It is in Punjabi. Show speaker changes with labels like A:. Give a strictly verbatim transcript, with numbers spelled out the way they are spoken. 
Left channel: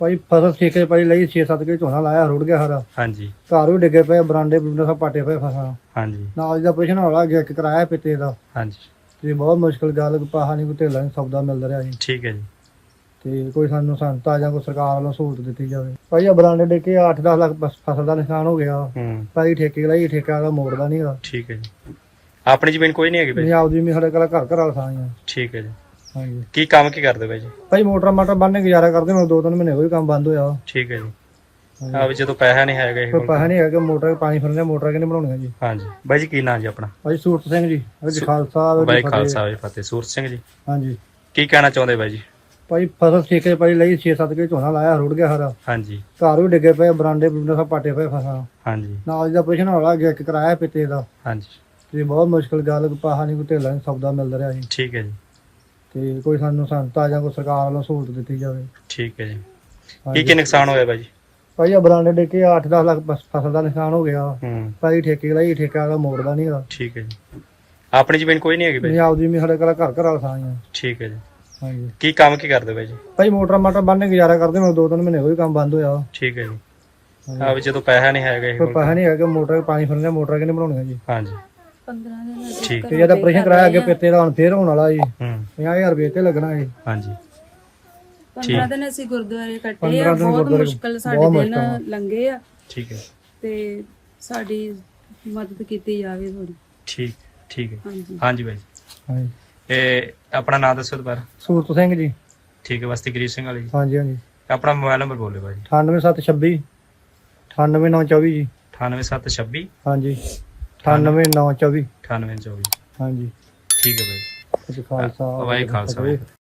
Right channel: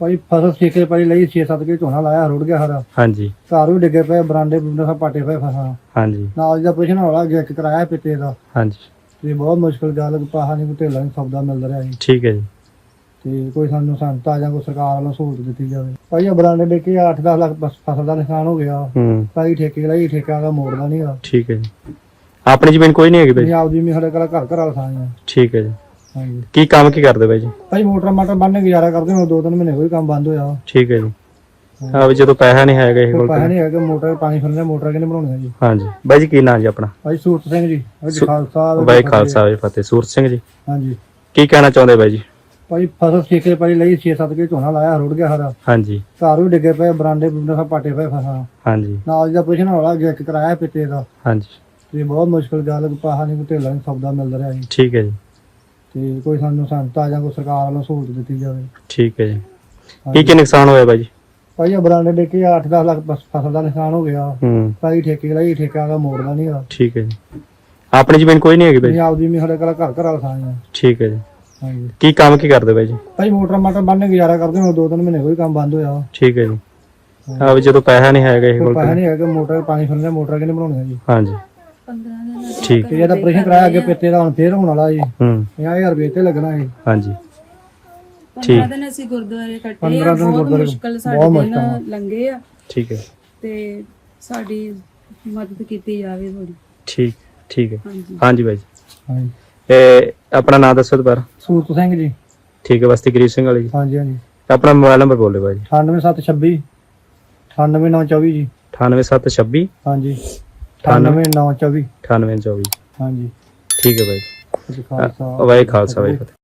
A: ਭਾਈ ਫਸਲ ਠੇਕੇ ਪਾਈ ਲਈ ਛੇ ਸੱਤ ਕੇ ਝੋਨਾ ਲਾਇਆ ਰੁੜ ਗਿਆ ਸਾਰਾ।
B: ਹਾਂਜੀ
A: ਘਰ ਵੀ ਡਿੱਗੇ ਪਏ, ਬਰਾਂਡੇ ਬਰੂੰਡੇ ਸਭ ਪਾਟੇ ਪਏ ਫਸਲਾਂ।
B: ਹਾਂਜੀ
A: ਨਾਲ ਦਾ ਆਪਰੇਸ਼ਨ ਹੋਣਾ ਗਿਆ ਇੱਕ ਕਰਾਇਆ ਪਿੱਤੇ ਦਾ।
B: ਹਾਂਜੀ
A: ਤੇ ਬਹੁਤ ਮੁਸ਼ਕਲ ਗੱਲ, ਪਾਹਾ ਨਹੀਂ ਕੋਈ ਢੇਲਾ ਨਹੀਂ ਸੌਦਾ ਮਿਲਦਾ ਰਿਹਾ ਜੀ।
B: ਠੀਕ ਹੈ ਜੀ।
A: ਤੇ ਕੋਈ ਸਾਨੂੰ ਸੰਤਾ ਜਾਂ ਕੋਈ ਸਰਕਾਰ ਵੱਲੋਂ ਸਹੂਲਤ ਦਿੱਤੀ ਜਾਵੇ। ਭਾਈ ਆ ਬਰਾਂਡੇ ਡਿੱਗੇ ਅੱਠ ਦਸ ਲੱਖ ਬਸ ਫਸਲ ਦਾ ਨੁਕਸਾਨ ਹੋ ਗਿਆ।
B: ਹੂੰ
A: ਭਾਈ ਠੇਕੇ ਲਈ ਠੇਕਾ ਦਾ ਮੋੜਦਾ ਨਹੀਂਗਾ।
B: ਠੀਕ ਹੈ ਜੀ। ਆਪਣੀ ਜ਼ਮੀਨ ਕੋਈ ਨਹੀਂ ਹੈਗੀ ਬਾਈ?
A: ਪੰਜਾਬ ਦੀ ਸਾਡੇ ਕੋਲ ਘਰ ਘਰ ਵਾਲਾ ਥਾਂ ਆ।
B: ਠੀਕ ਹੈ ਜੀ।
A: ਹਾਂਜੀ
B: ਕੀ ਕੰਮ ਕੀ ਕਰਦੇ ਬਾਈ ਜੀ?
A: ਭਾਈ ਮੋਟਰ ਮਾਟਰ ਬੰਨ੍ਹ ਗੁਜ਼ਾਰਾ ਕਰਦੇ ਹੁਣ ਦੋ ਤਿੰਨ ਮਹੀਨੇ ਕੋਈ ਕੰਮ ਬੰਦ ਹੋਇਆ।
B: ਠੀਕ ਹੈ ਜੀ। ਹਾਂ ਵੀ ਜਦੋਂ ਪੈਸਾ ਨਹੀਂ ਹੈਗਾ ਇਹ
A: ਕੋਈ
B: ਕੋਲ
A: ਪੈਸਾ ਨਹੀਂ ਹੈਗਾ, ਮੋਟਰ ਪਾਣੀ ਫਿਰਨੇ ਮੋਟਰ ਕਿਹਨੇ ਬਣਾਉਣੀਆਂ ਜੀ।
B: ਹਾਂਜੀ ਬਾਈ ਜੀ ਕੀ ਨਾਂ ਜੀ ਆਪਣਾ?
A: ਭਾਈ ਸੂਰਤ ਸਿੰਘ ਜੀ, ਭਾਈ ਖਾਲਸਾ
B: ਬਾਈ ਖਾਲਸਾ ਬਾਈ ਫਤਿਹ। ਸੂਰਤ ਸਿੰਘ ਜੀ
A: ਹਾਂਜੀ
B: ਕੀ ਕਹਿਣਾ ਚਾਹੁੰਦੇ ਬਾਈ ਜੀ?
A: ਭਾਈ ਫਸਲ ਠੇਕੇ ਪਾਈ ਲਈ ਛੇ ਸੱਤ ਕੇ ਝੋਨਾ ਲਾਇਆ ਰੁੜ ਗਿਆ ਸਾਰਾ।
B: ਹਾਂਜੀ
A: ਘਰ ਵੀ ਡਿੱਗੇ ਪਏ, ਬਰਾਂਡੇ ਬਰੂੰਡੇ ਸਭ ਪਾਟੇ ਪਏ ਫਸਲਾਂ।
B: ਹਾਂਜੀ
A: ਨਾਲ ਦਾ ਆਪਰੇਸ਼ਨ ਹੋਣਾ ਗਿਆ ਇੱਕ ਕਰਾਇਆ ਪਿੱਤੇ ਦਾ।
B: ਹਾਂਜੀ
A: ਤੇ ਬਹੁਤ ਮੁਸ਼ਕਲ ਗੱਲ, ਪਾਹਾ ਨਹੀਂ ਕੋਈ ਢੇਲਾ ਨਹੀਂ ਸੌਦਾ ਮਿਲਦਾ ਰਿਹਾ ਜੀ।
B: ਠੀਕ ਹੈ ਜੀ।
A: ਤੇ ਕੋਈ ਸਾਨੂੰ ਸੰਤਾ ਜਾਂ ਕੋਈ ਸਰਕਾਰ ਵੱਲੋਂ ਸਹੂਲਤ ਦਿੱਤੀ ਜਾਵੇ।
B: ਠੀਕ ਹੈ ਜੀ। ਕੀ ਕੀ ਨੁਕਸਾਨ ਹੋਇਆ ਬਾਈ ਜੀ?
A: ਭਾਈ ਆ ਬਰਾਂਡੇ ਡਿੱਗੇ ਅੱਠ ਦਸ ਲੱਖ ਬਸ ਫਸਲ ਦਾ ਨੁਕਸਾਨ ਹੋ ਗਿਆ।
B: ਹੂੰ
A: ਭਾਈ ਠੇਕੇ ਲਈ ਠੇਕਾ ਦਾ ਮੋੜਦਾ ਨਹੀਂਗਾ।
B: ਠੀਕ ਹੈ ਜੀ। ਆਪਣੀ ਜ਼ਮੀਨ ਕੋਈ ਨਹੀਂ ਹੈਗੀ ਬਾਈ?
A: ਪੰਜਾਬ ਦੀ ਸਾਡੇ ਕੋਲ ਘਰ ਘਰ ਵਾਲਾ ਥਾਂ ਆ।
B: ਠੀਕ ਹੈ ਜੀ।
A: ਹਾਂਜੀ
B: ਕੀ ਕੰਮ ਕੀ ਕਰਦੇ ਬਾਈ ਜੀ?
A: ਭਾਈ ਮੋਟਰ ਮਾਟਰ ਬੰਨ੍ਹ ਗੁਜ਼ਾਰਾ ਕਰਦੇ ਹੁਣ ਦੋ ਤਿੰਨ ਮਹੀਨੇ ਕੋਈ ਕੰਮ ਬੰਦ ਹੋਇਆ।
B: ਠੀਕ ਹੈ ਜੀ। ਹਾਂ ਵੀ ਜਦੋਂ ਪੈਸਾ ਨਹੀਂ ਹੈਗਾ ਇਹ
A: ਕੋਈ
B: ਕੋਲ
A: ਪੈਸਾ ਨਹੀਂ ਹੈਗਾ, ਮੋਟਰ ਪਾਣੀ ਫਿਰਨੇ ਮੋਟਰ ਕਿਹਨੇ ਬਣਾਉਣੀਆਂ ਜੀ।
B: ਹਾਂਜੀ ਠੀਕ
A: ਤੇ ਜਦ ਆਪਰੇਸ਼ਨ ਕਰਾਇਆ ਅੱਗੇ ਪਿੱਤੇ ਦਾ ਹੁਣ ਫੇਰ ਹੋਣ ਵਾਲਾ ਜੀ।
B: ਹੂੰ
A: ਪੰਜਾਹ ਹਜ਼ਾਰ ਰੁਪਏ ਤੇ ਲੱਗਣਾ ਜੀ।
B: ਹਾਂਜੀ
C: ਪੰਦਰਾਂ ਦਿਨ ਅਸੀਂ ਗੁਰਦੁਆਰੇ ਕੱਟੇ ਆ।
A: ਪੰਦਰਾਂ ਦਿਨ
C: ਬਹੁਤ
A: ਗੁਰਦੁਆਰੇ
C: ਮੁਸ਼ਕਲ
A: ਬਹੁਤ
C: ਸਾਡੇ
A: ਮੁਸ਼ਕਲ ਆ।
C: ਦਿਨ ਲੰਘੇ ਆ
B: ਠੀਕ ਹੈ
C: ਤੇ ਸਾਡੀ ਮਦਦ ਕੀਤੀ ਜਾਵੇ ਥੋੜੀ।
B: ਠੀਕ ਠੀਕ ਹੈ।
C: ਹਾਂਜੀ
B: ਹਾਂਜੀ ਬਾਈ ਜੀ।
A: ਹਾਂਜੀ
B: ਇਹ ਆਪਣਾ ਨਾਮ ਦੱਸੋ ਦੁਬਾਰਾ?
A: ਸੂਰਤ ਸਿੰਘ ਜੀ।
B: ਠੀਕ ਹੈ ਬਸਤੀ ਗਰੀਬ ਸਿੰਘ ਵਾਲੀ ਜੀ।
A: ਹਾਂਜੀ ਹਾਂਜੀ
B: ਆਪਣਾ ਮੋਬਾਈਲ ਨੰਬਰ ਬੋਲੇ ਬਾਈ ਜੀ?
A: ਅਠਾਨਵੇਂ ਸੱਤ ਛੱਬੀ ਅਠਾਨਵੇਂ ਨੌ ਚੌਵੀ ਜੀ।
B: ਅਠਾਨਵੇਂ ਸੱਤ ਛੱਬੀ
A: ਹਾਂਜੀ ਅਠਾਨਵੇਂ ਨੌ ਚੌਵੀ।
B: ਅਠਾਨਵੇਂ ਚੌਵੀ।
A: ਹਾਂਜੀ
B: ਠੀਕ ਹੈ ਬਾਈ ਜੀ।
A: ਖਾਲਸਾ
B: ਵਾਹਿਗੁਰੂ ਖਾਲਸਾ ਵਾਹਿਗੁਰੂ ਫਤਿਹ।